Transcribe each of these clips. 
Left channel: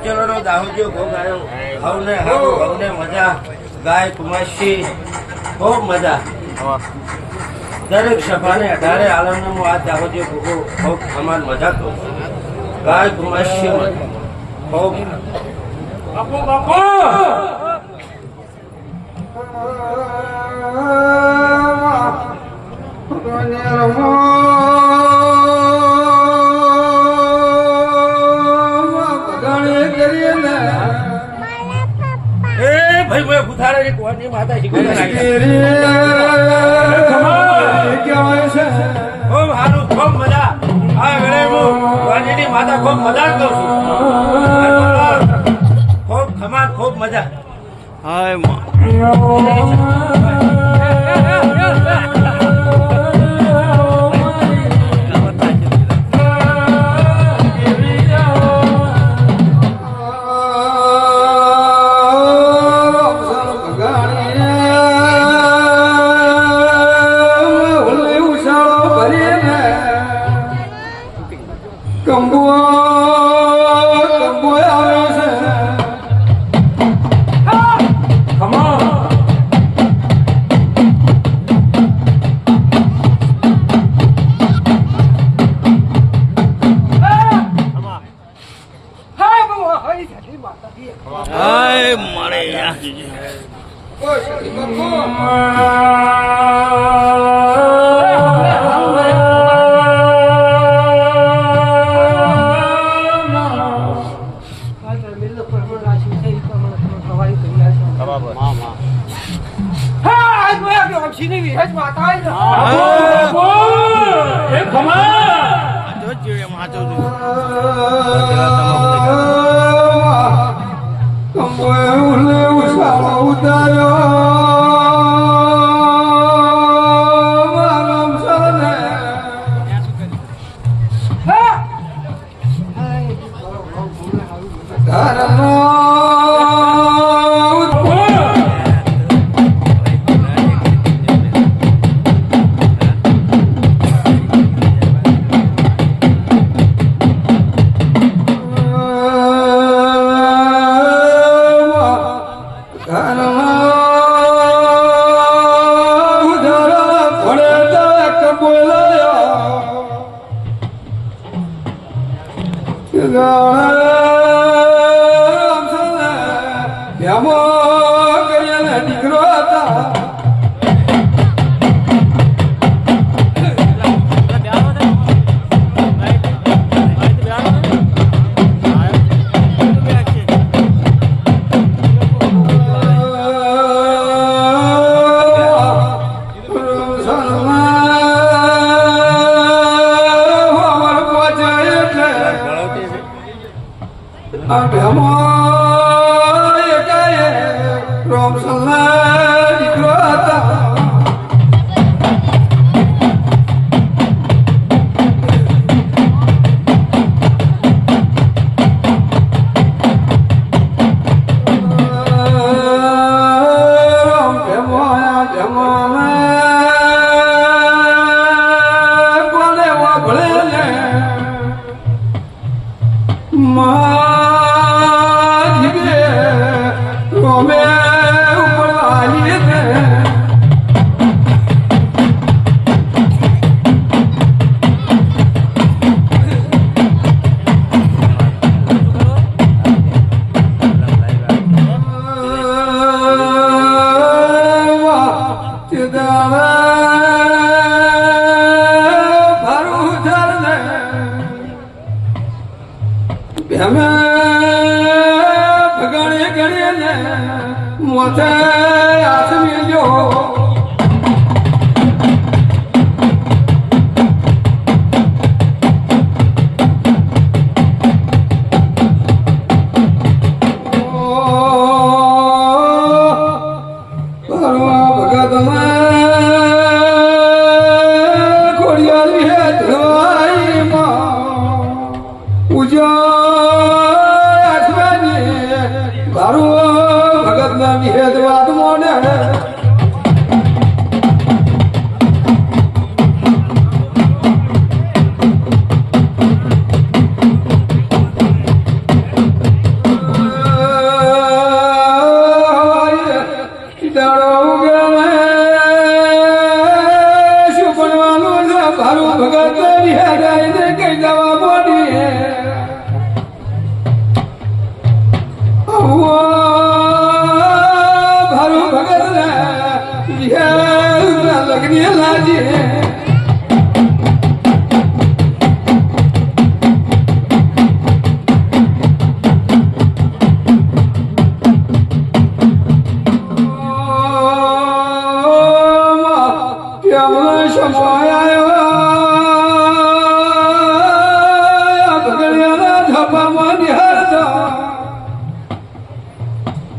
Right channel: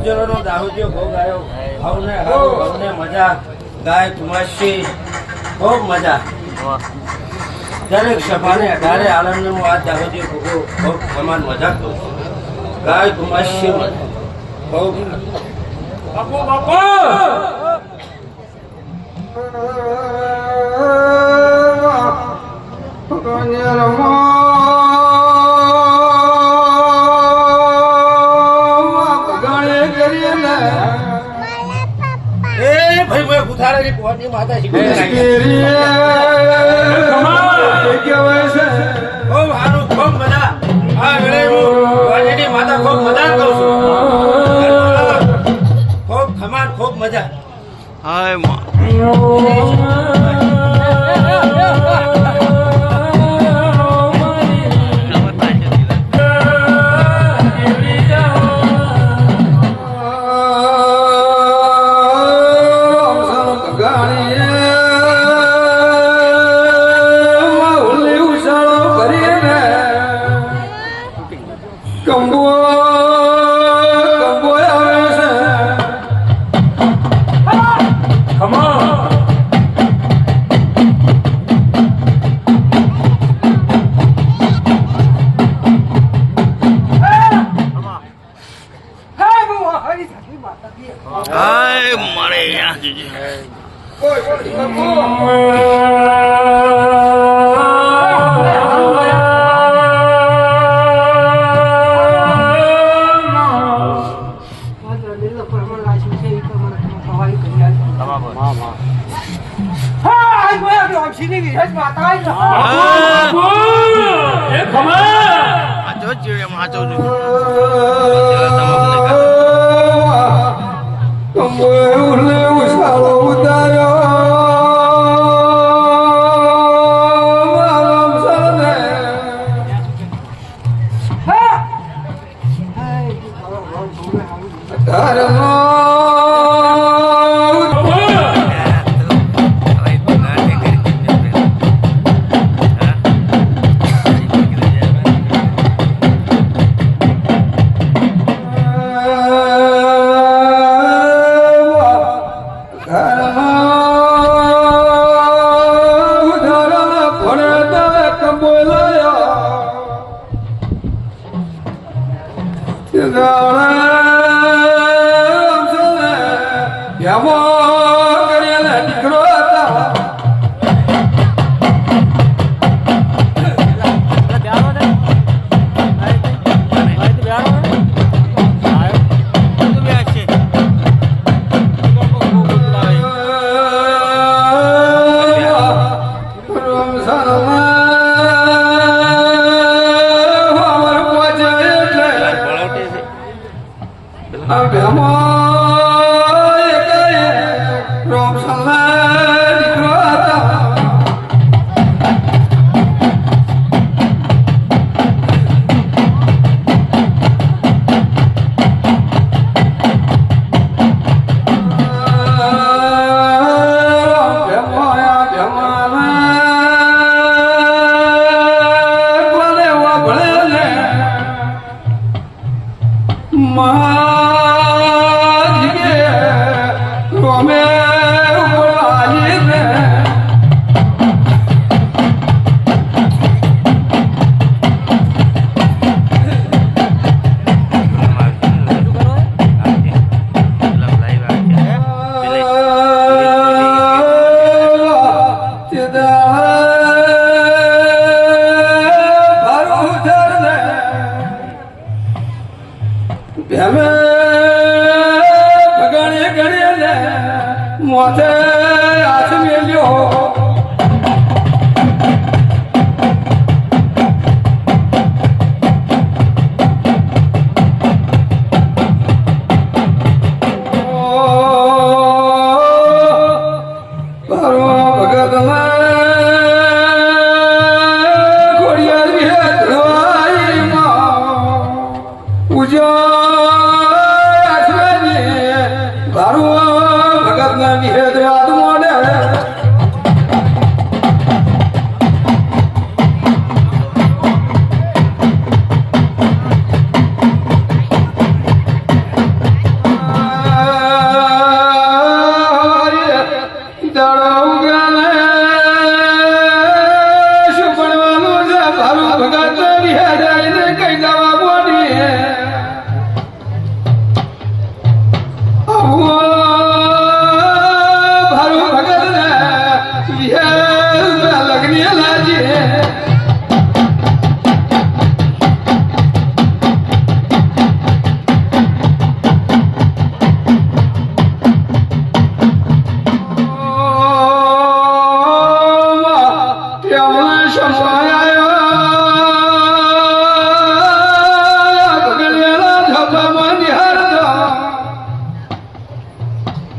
ઉજ્જવળનો દાહોદિયો ભોગ આવ્યો. હવને હારું, હવને મજા. ગાય કુમાશી ખૂબ મજા. દરેક સભાને 18 આલમને હું આ દાહોદિયો ભોગો ખૂબ સમાન મજા કરું છું. ગાય કુમાશી ખૂબ બાપો બાપો ભાઈ મેં ગુથારેલી કોની માતા શીખવાડે ખૂબ સારું, ખૂબ મજા. આ વેળે હું વાણીની માતા ખૂબ મજા જ કરું છું. ખૂબ ખમાન, ખૂબ મજા.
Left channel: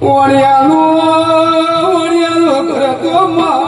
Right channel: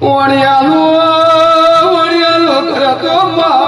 વણિયાનો કરતો માં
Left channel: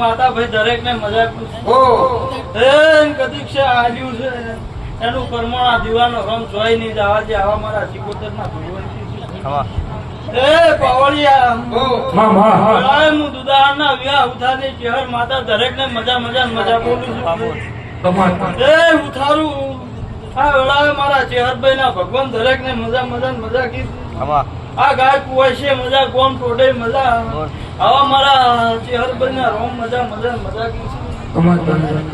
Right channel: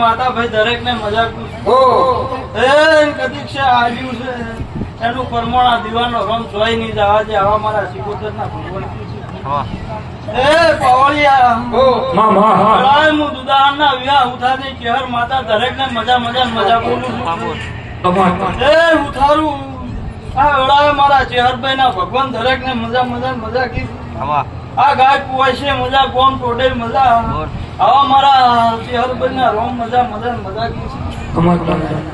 માતા ભાઈ દરેક ને મજા કદીક છે આવ્યું છે એનું પરમોણા દીવાનો રંગ જોઈ નહીં જવા છે આવા મારા સિકોતર ના એ પાવળિયા હું દુદાહન ના વિવાહ ઉઠાની કેહર માતા દરેક ને મજા બોલું છું એ ઉઠારું આ વેળાએ મારા ચેહરભાઈ ના ભગવાન દરેક ને મજા કીધું આ ગાય કુવાય છે મજા કોણ ટોડે મજા આવા મારા ચેહરભાઈ ના રોમ મજા કીધું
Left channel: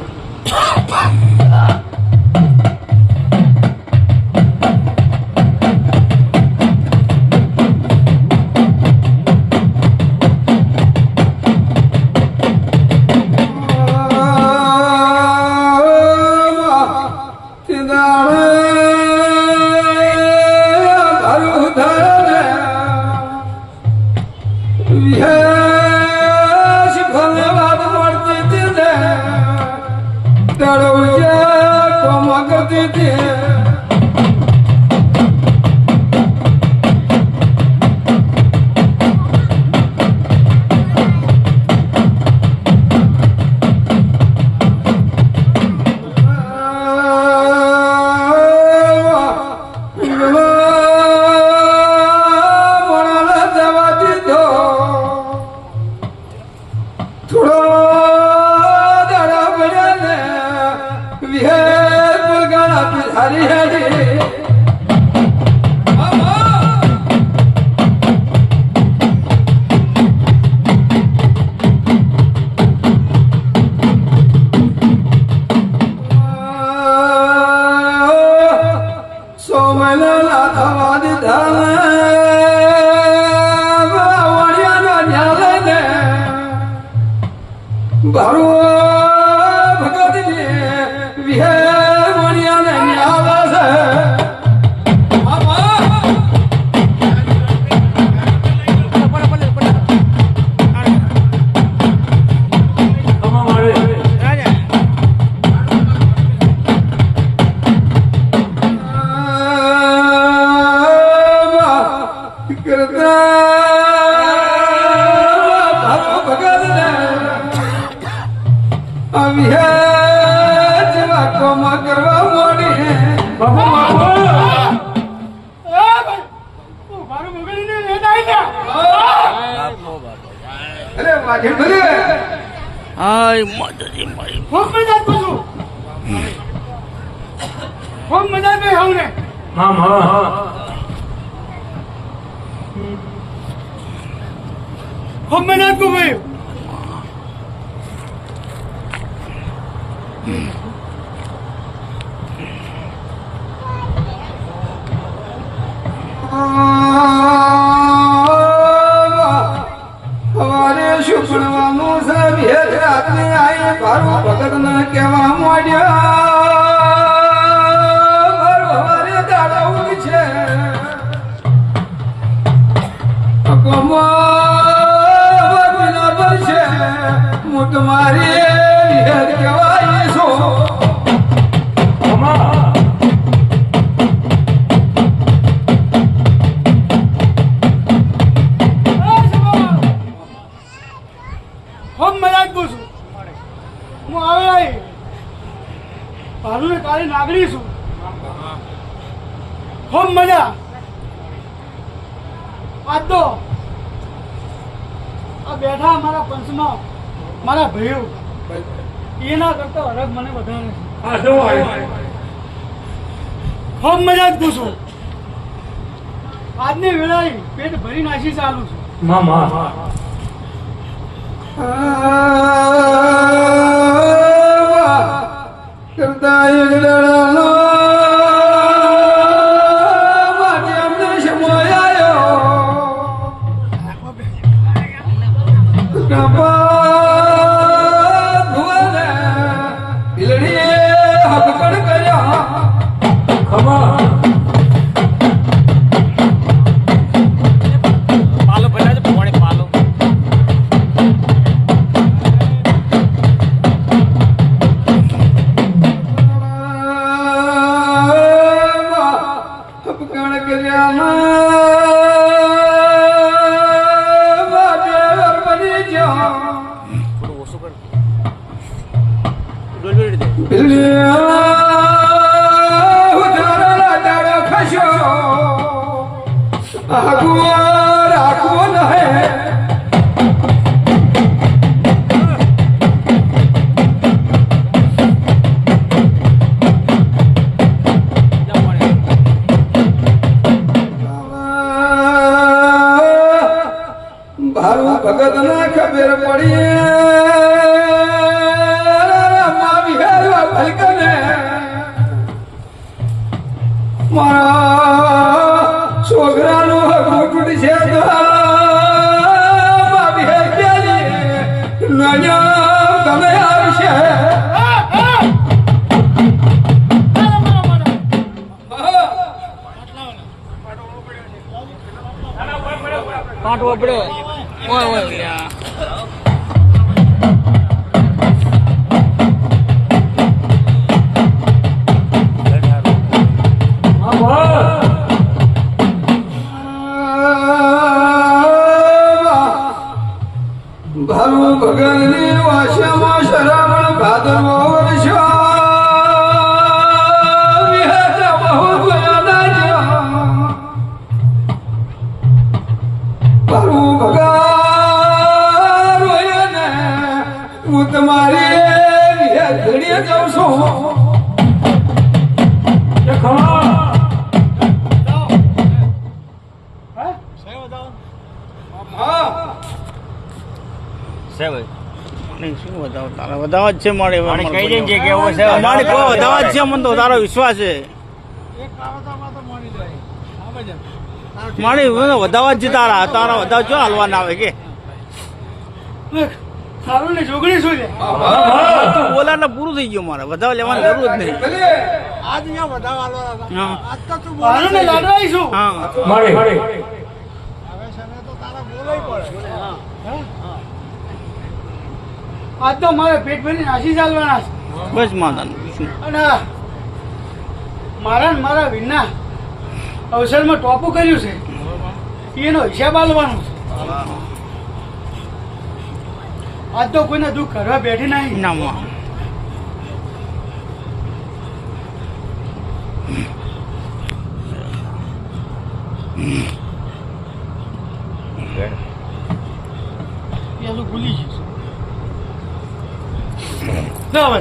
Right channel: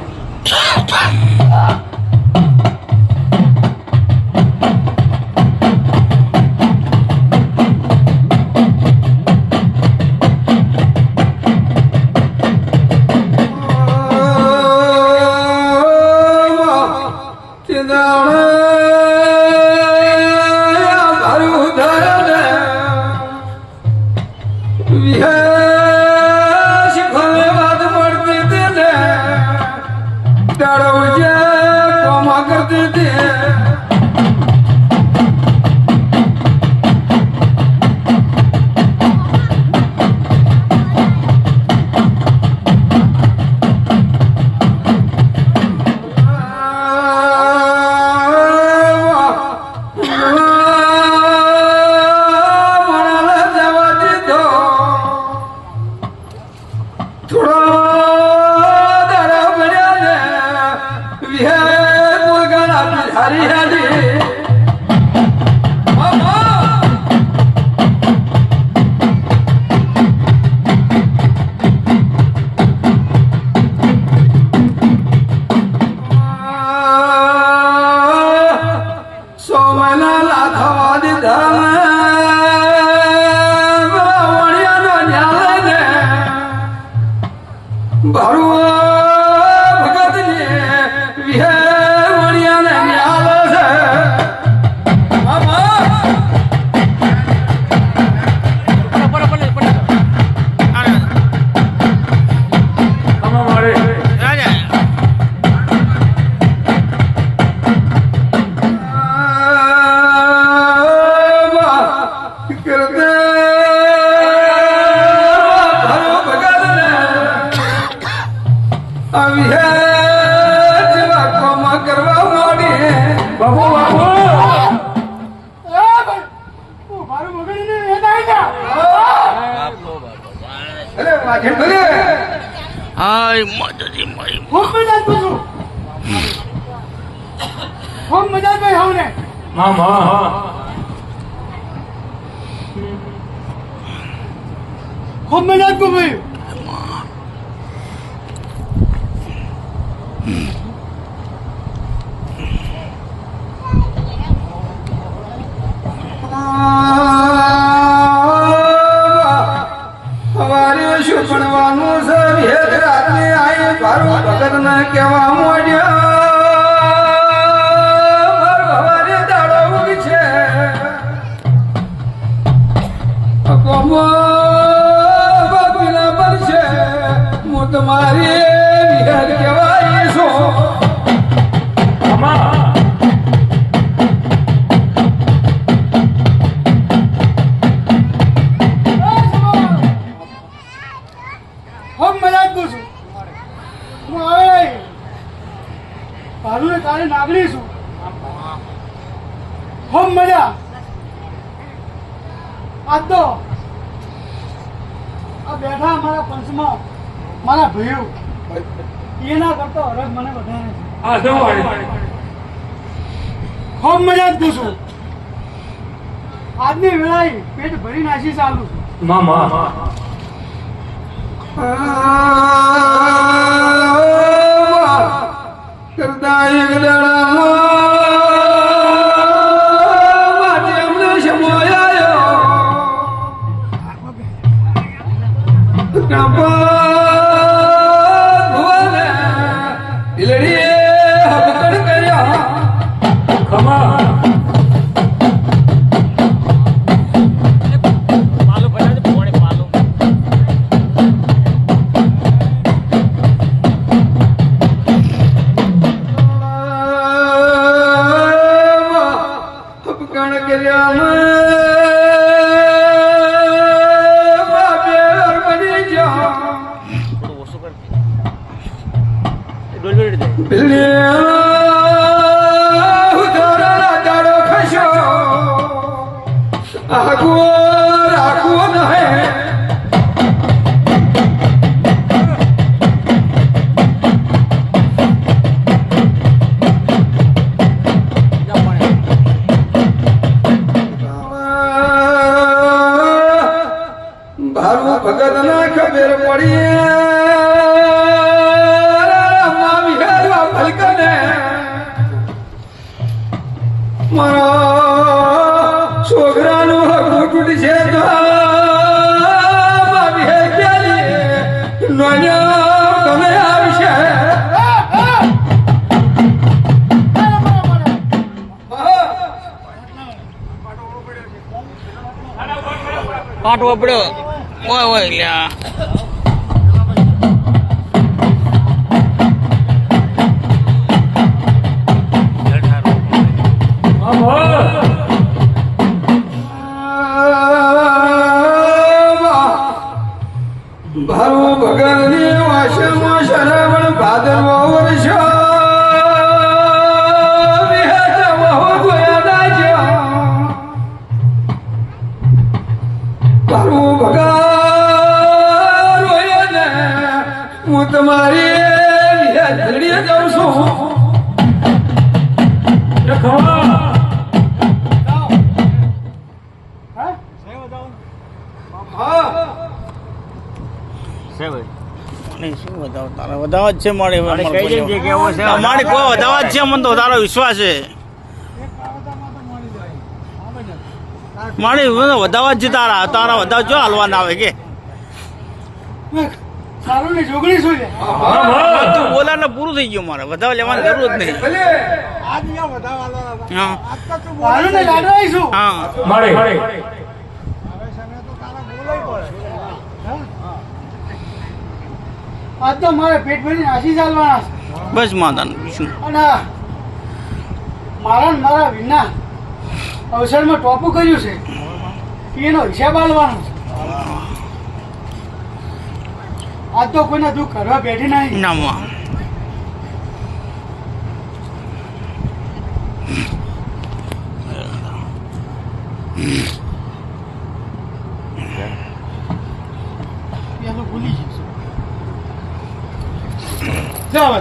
અવિહે જેવા કોમ કરવા માંડી બાપુ બાપુ મારું મગજને વેદ આવી ગયા અરે વાઘે ભલે હાય માતાજી મારી ખૂબ મજા પૂછું ખૂબ મજા ભાઈ હું ને હા હા હા ખૂબ મજા કો ભાઈ અમારે શું ભણવાનું છે ભેદ રાત્રે આય ભારો ભગત ને કેવા મોડ્યા ભવારે દાડો ઉગ છે બાબીના બનશે હું તમારી ભેદ કેવાય છું ખૂબ મજા પૂછું હું આવે ભાડું કાલે નાગરી છું ખૂબ મજા આજ તો આ બેઠા અમારા પંચમાં મારા ભાઈઓ એના કરતા અરગ મને વધારે છે આ જો ખૂબ મજા જ પૂછું આજની વેળાએ પેટ ભરી નાસી ચાલુ છું મામા કરતા એક દળમાં માટે અમને સમોયાયો ભુવને દિલડીએ હકકડ કર્યા ખમા ભારું ભગત ને ખબર પડી ભલકને મારા છોકરાનું હકું તૂટશે તો મારી હે પેલી નજર તમે આવશે પાટવો પડ્યો ઓય ઓય લ્યા ભારું ભગતની વાસમાં શરાવણ ભાદરવો વર્ષ વિહતમહુ ગોયા નાજો ભારું ભગત રોયા ને હું તમારી વિહત ઘડીએ જાઉં છું ખમા હા હા છે ભાઈ નહીં શું વધાવો તારા વધાવા જ છે મારે હવે અમારે કઈ કોઈ જગ્યાએ છે અમારે કોઈ વધાવા જ છે મને તો તારો વિશ્વાસ છે એક કાવતામાં તો મળી જાય હા ભાઈ મારે વધાવા જ છે તારા તારા વધાવ જો હાલવાના આવે કે સારું ને જોગણી શું છે તું બોલા ને પૂરું થઈ ગયું મારે વધાવ લેવાની જરૂર જ નહીં ભલે આજ અહીંયા વધારે હાલવાના હા આજ તો તું સારું ને લાડો આવીશું હા મળે હવે સમય તો તારા બોલાય પડે આજ તો મારે પેટ ભરી નાસી ચાલવાના છે બસ માતાનું બીજું અને મારા ને મારા વિના અવસરમાં ટોપું કર્યું છે એનો હિસાબ આલવાનો છે આજ તો કોઈના દુઃખ કરવા બેઠી નહીં ના માં પેલું ભૂલી જઈશ જાવ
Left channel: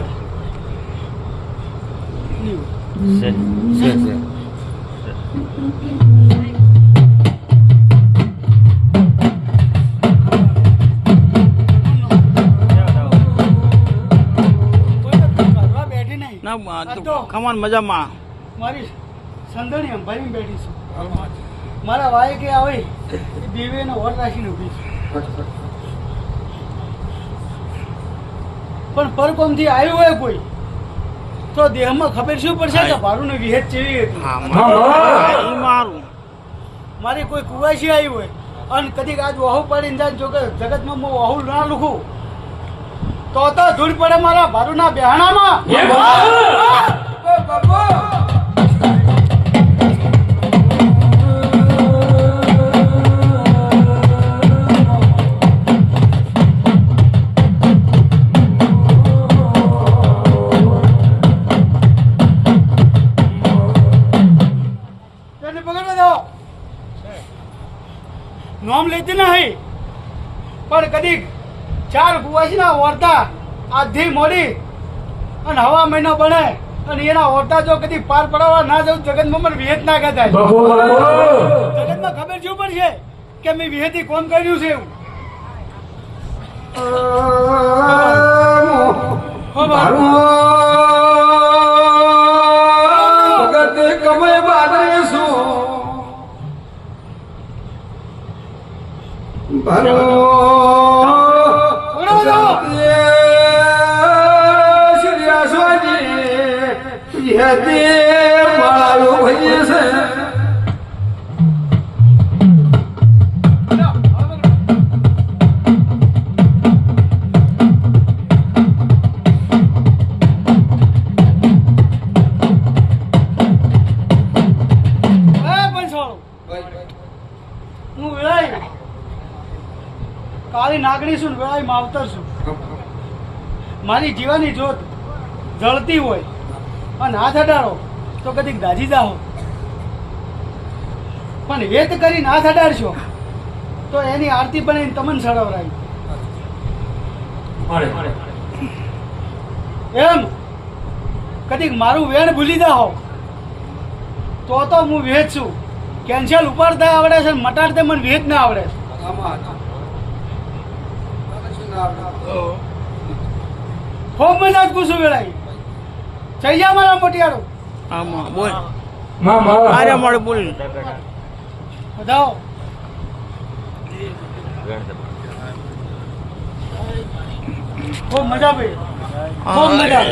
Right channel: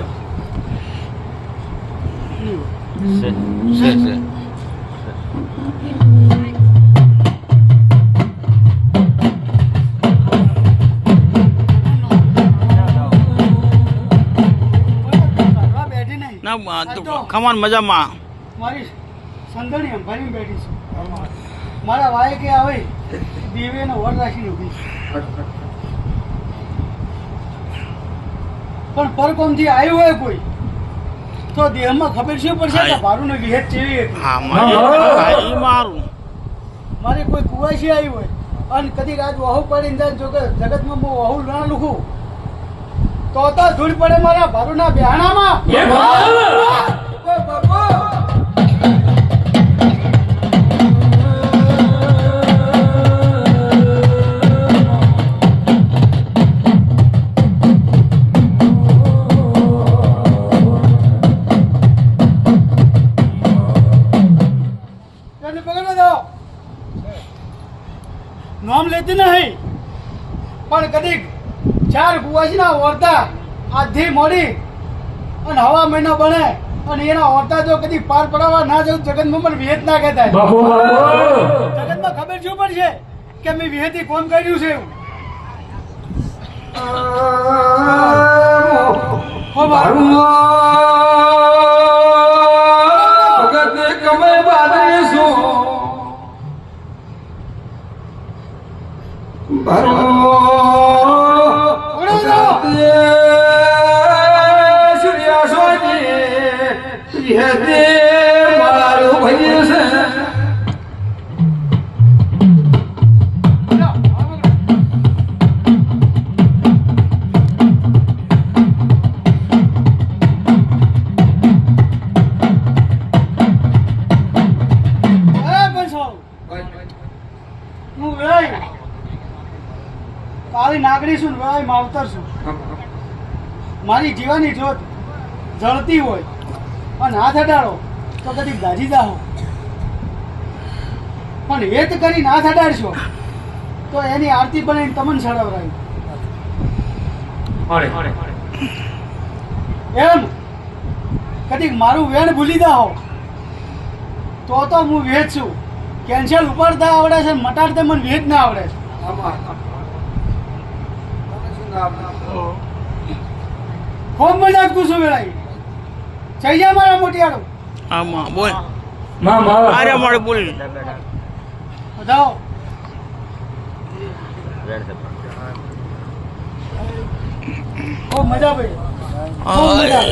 બેઠી નહીં ના ખમાન મજામાં મારી સંદણી અંભારી બેઠી છે મારા વાય કે આવે દીવે ને વર રાખીને ઉભી છે પણ પરકોમથી આવ્યું હોય કોઈ તો દેહમાં ખબર શું પડશે કે ભારું ને વિહેત ચેવી હતી હા મારું મારે કોઈ કુવાસી આવ્યું હોય અને કદીક આજ વહુ પડીને જાય જો કે જગતમાં હું વહુ ના લખું તો ધૂળ પડે મારા ભારુના બેહાણામાં નામ લેતી નહીં પણ કદીક 4 કુવાસીના ઓરતા આધી મોડી અને હવા મહિનો બને અને એના ઓરતા જો કદી પાર પડાવવા ના જવું જગતમાં પણ વિહેત ના કહેતા જગતમાં ખબર શું પડશે કે મેં વિહેતી કોણ કર્યું છે એવું ભગતે કમય બાદરે શું કાળી નાગરી છું વેળાય માવતર છું મારી જીવાની જોત જળતી હોય અને હાથ અડાડો તો કદી ગાજી જાઓ પણ હેત કરીને હાથ અડાડશો તો એની આરતી બનાવીને તમને સળવરાય એમ કદીક મારું વેણ ભૂલી જાઓ તો હું વેચ છું કેન્સલ ઉપાડતા આવડે છે મટાડતા મને વેચ ના આવડે ખૂબ મજા કુશું વેળાઈ ચૈયા મારા મોટિયાળો આમાં બોલ અરે મળે બોલ બતાવો ખૂબ મજા ભાઈ ખૂબ મજા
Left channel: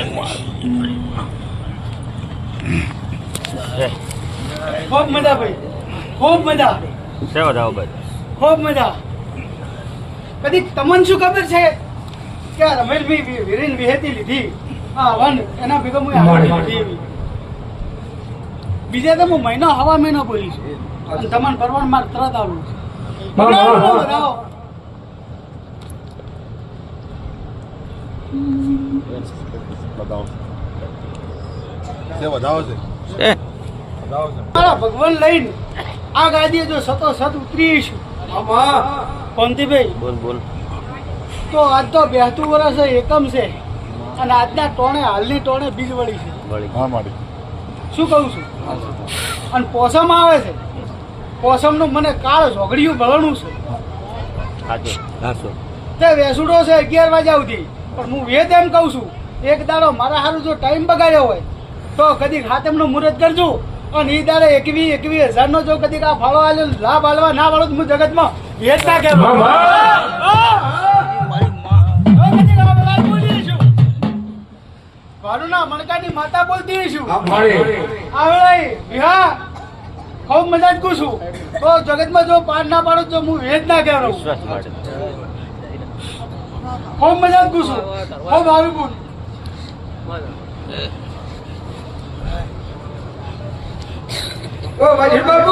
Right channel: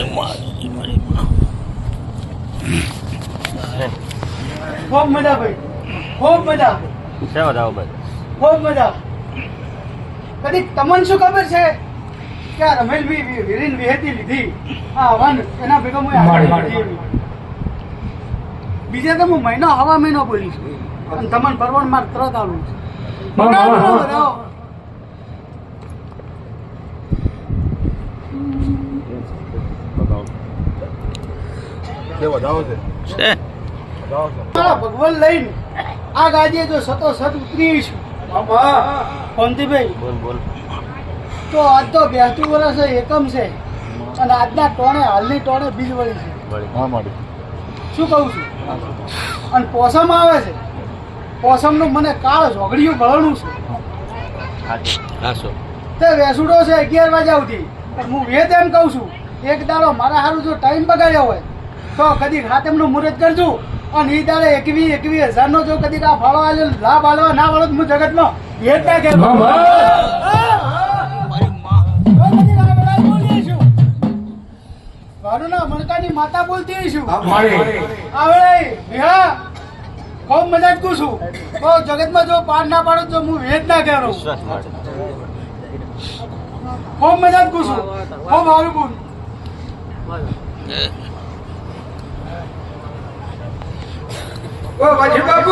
ખૂબ મજા ભાઈ ખૂબ મજા ખૂબ મજા કદી તમને શું ખબર છે કે આ રમેશભાઈ વીરીન વિહેતી લીધી આ વન એના ભેગો બીજા તો હું મહિનો હવા મહિનો બોલી છું અને તમને પરવાન માર તરત આવું ભગવાન લઈને આ ગાદીએ જો સતો સત ઉતરી છું પંતીભાઈ બોલ તો આજ તો 82 વર્ષ એકમ છે અને આજના ટોણે હાલની ટોણે બીજ વળી છે શું કહું છું અને પોસમ આવે છે પોસમનું મને કાળ ઝોગડિયું ગળણું છે તે વેસુડો છે 11 વાગ્યા સુધી પણ હું વેદ એમ કહું છું એક દાડો મારા સારું જો ટાઈમ બગાડ્યો હોય તો કદી હાથમનું મુહૂર્ત કરજો અને એ દાડે 21,000 નો જો કદી આ ફાળો આલ્યો લાભ આલવા ના વાળો હું જગતમાં વેદ ના કહેવાય ભારુના મણકાની માતા બોલતી છું આવડે વિહા ખૂબ મજા કું છું તો જગતમાં જો પાર ના પાડો તો હું વેદ ના કહેવાનો ખૂબ મજા કું છું ખૂબ સારું બોલ ઓ વાજી બાબુ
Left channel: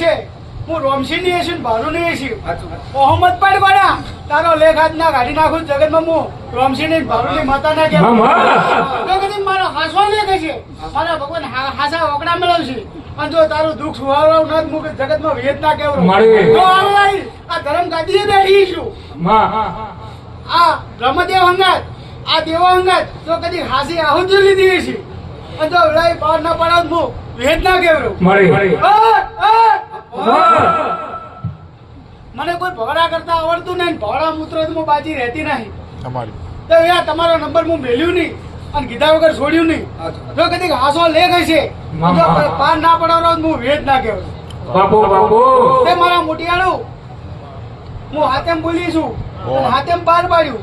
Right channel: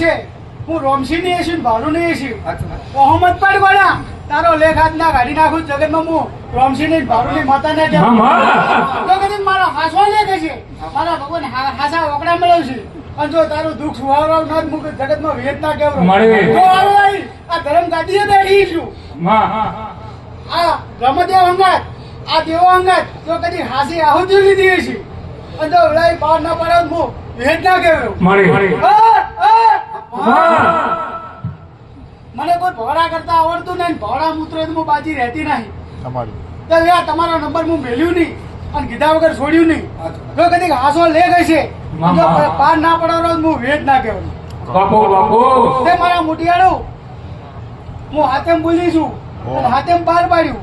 છે હું રોમસી ની છું ભાલુ ની છું સાચું. મોહમ્મદ પણ બના તારો લેખ હાથ ના કાઢી નાખું જગતમાં હું રોમસી ની ભાલુ ની માતા ના હા, કહેવાય હા. તો કદી મારો હાસવા લેખે છે મારા ભગવાન હાસા ઓકડા મેળવશે અને જો તારું દુઃખ સુહાવરાવ ના મુખ જગતમાં વેદ ના કહેવાય મારી. તો આલવાઈ આ ધર્મ ગાદીએ બેઠી છું માં આ બ્રહ્મદેવ અંગાત આ દેવો અંગાત તો કદી હાસી આહુતિ લીધી છે અને જો લઈ બહાર ના પડાવ હું વેદ ના કહેવાય મારી માં મને કોઈ ભોળા કરતા આવડતું નહીં ભોળા મૂત્ર હું બાજી રહેતી નહીં તમારી તો યાર તમારો નંબર હું મેલ્યું નહીં અને કીધા વગર છોડ્યું નહીં સાચું. જો કદી હાસો લે ગઈ છે ના, જો ના. પાર ના પડાવરો હું વેદ ના કહેવાય બાપુ બાપુ તે મારા મોટિયાળું હું હાથેમ બોલી છું અને હાથેમ પાર પાડ્યું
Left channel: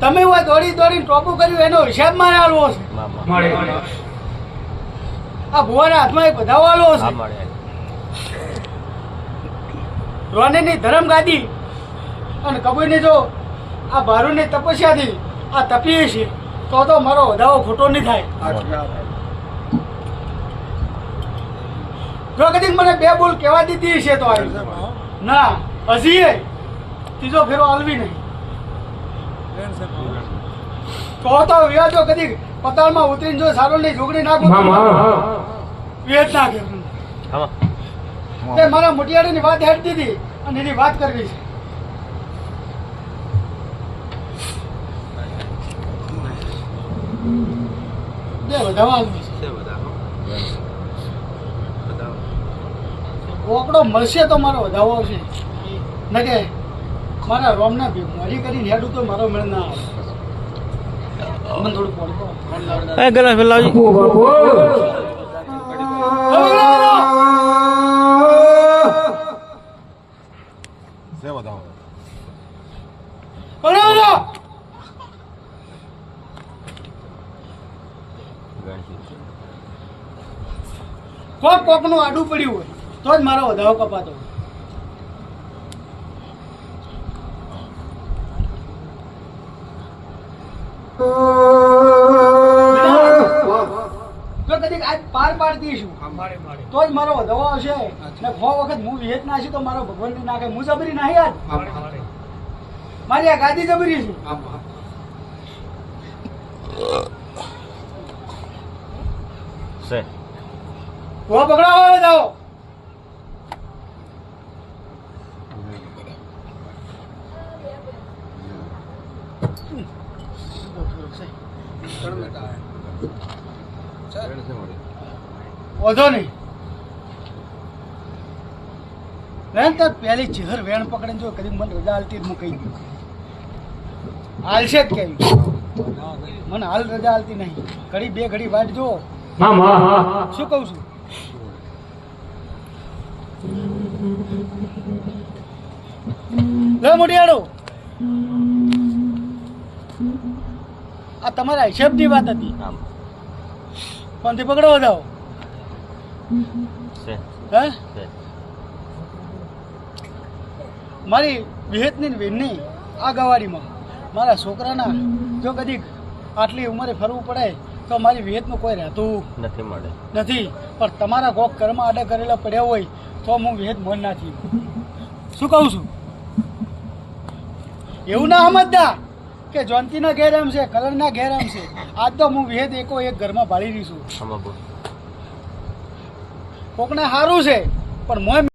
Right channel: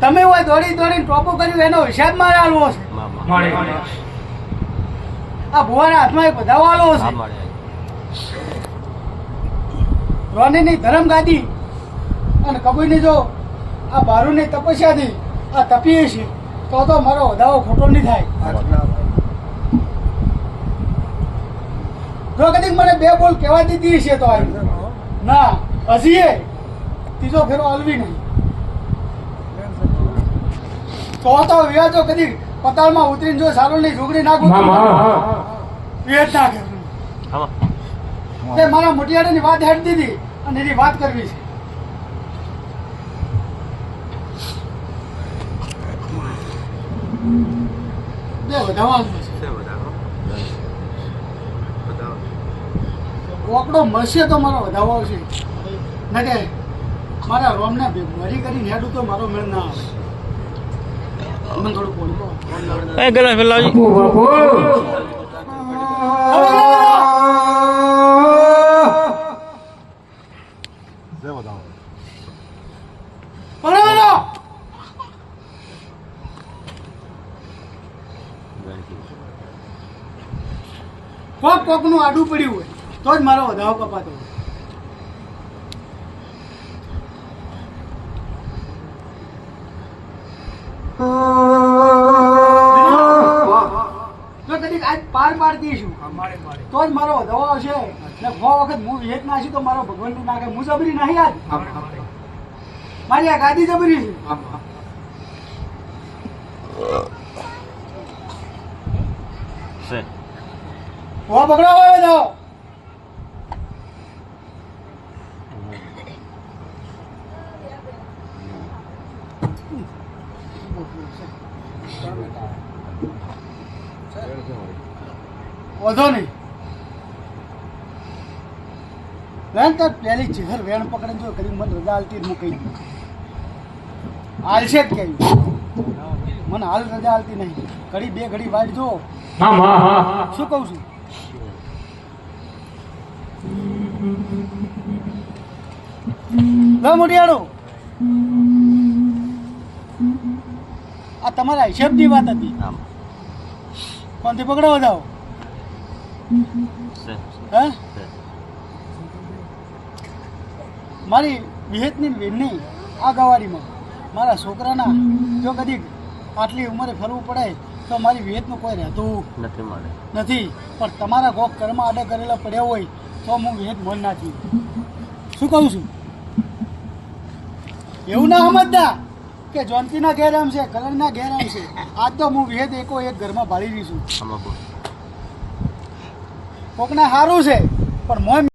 તમે હોય દોડી દોડીને ટોપું કર્યું એનો હિસાબ મારે આલવો છે મારી આ ભુવાના હાથમાં એક વધાવો આલવો છે રોનીની ધરમ ગાદી અને કબૂરની જો આ ભારુની તપસ્યાથી આ તપીએ છે તો મારો વધાવો ખોટો નહીં થાય સાચું. જો કદીક મને બે બોલ કહેવા દીધી છે તો આવી ના હજી એ ત્રીજો ફેરો આલવી નહીં તો વ્યાજો કદી પતાળમાં ઉતરીને જો સારોલની ઝુગડી નાખું માં તો માં વેચ નાખે તે મારા મોટિયાળાની વાત હેડ દીધી અને એની વાત કરવી છે બે વધાવા આલવું છે. ઓકડો મળશે તો મારો વધાવો આવશે ને કે મારા રોમના મરી કરીને હેડું તો મારો મેળ ના આવે મને થોડું ફોન કરો એ ગલા ફેલાવજી બાપુ બાપુ હવે લાવો. બોલાવો. કોક નું આડું પડ્યું હોય તો જ મારો વધાવો કપાતો હોય જો કદી આજ પાર પાડતી છું તો જ મારો વધાવો આવશે ને 6 વખત હું વિહેત ના છું તો મારો ભગવાન ને નાખે હું જબરી નહીં યાર મારી આ ગાદી જબરી છે હો પકડાવો જાઓ વધો નહીં વેણ તો પહેલી ચહેર વેણ પકડીને જો કદી મને રજા હાલતી હું કહી દઉં હાલશે જ કહ્યું મને હાલ રજા હાલતી નહીં ઘડી બે ઘડી વાટ જો માં માં શું કહું છું લે મોટિયાળો આ તમારા હિસાબની વાત હતી કોણથી પકડો જાઓ હે મારી વિહેતની ને વેનની આ ગવાડીમાં મારા છોકરાના જો કદી આટલી ઉંમરે ફરવું પડે તો મારી વિહેતનું કોઈ રહેતું નથી પણ તમારા કોક કર્મ આડા કરેલા પડ્યા હોય તો હું વિહેત મન નાખી શું કહું છું એવું ના સમજતા કે જોનતીના ઘેર આમ છે કલરના ઘેર આમ છે આજ તો હું વિહેત એકો એક ઘરમાં ભાળી રહી છું કોકને સારું છે પણ મોય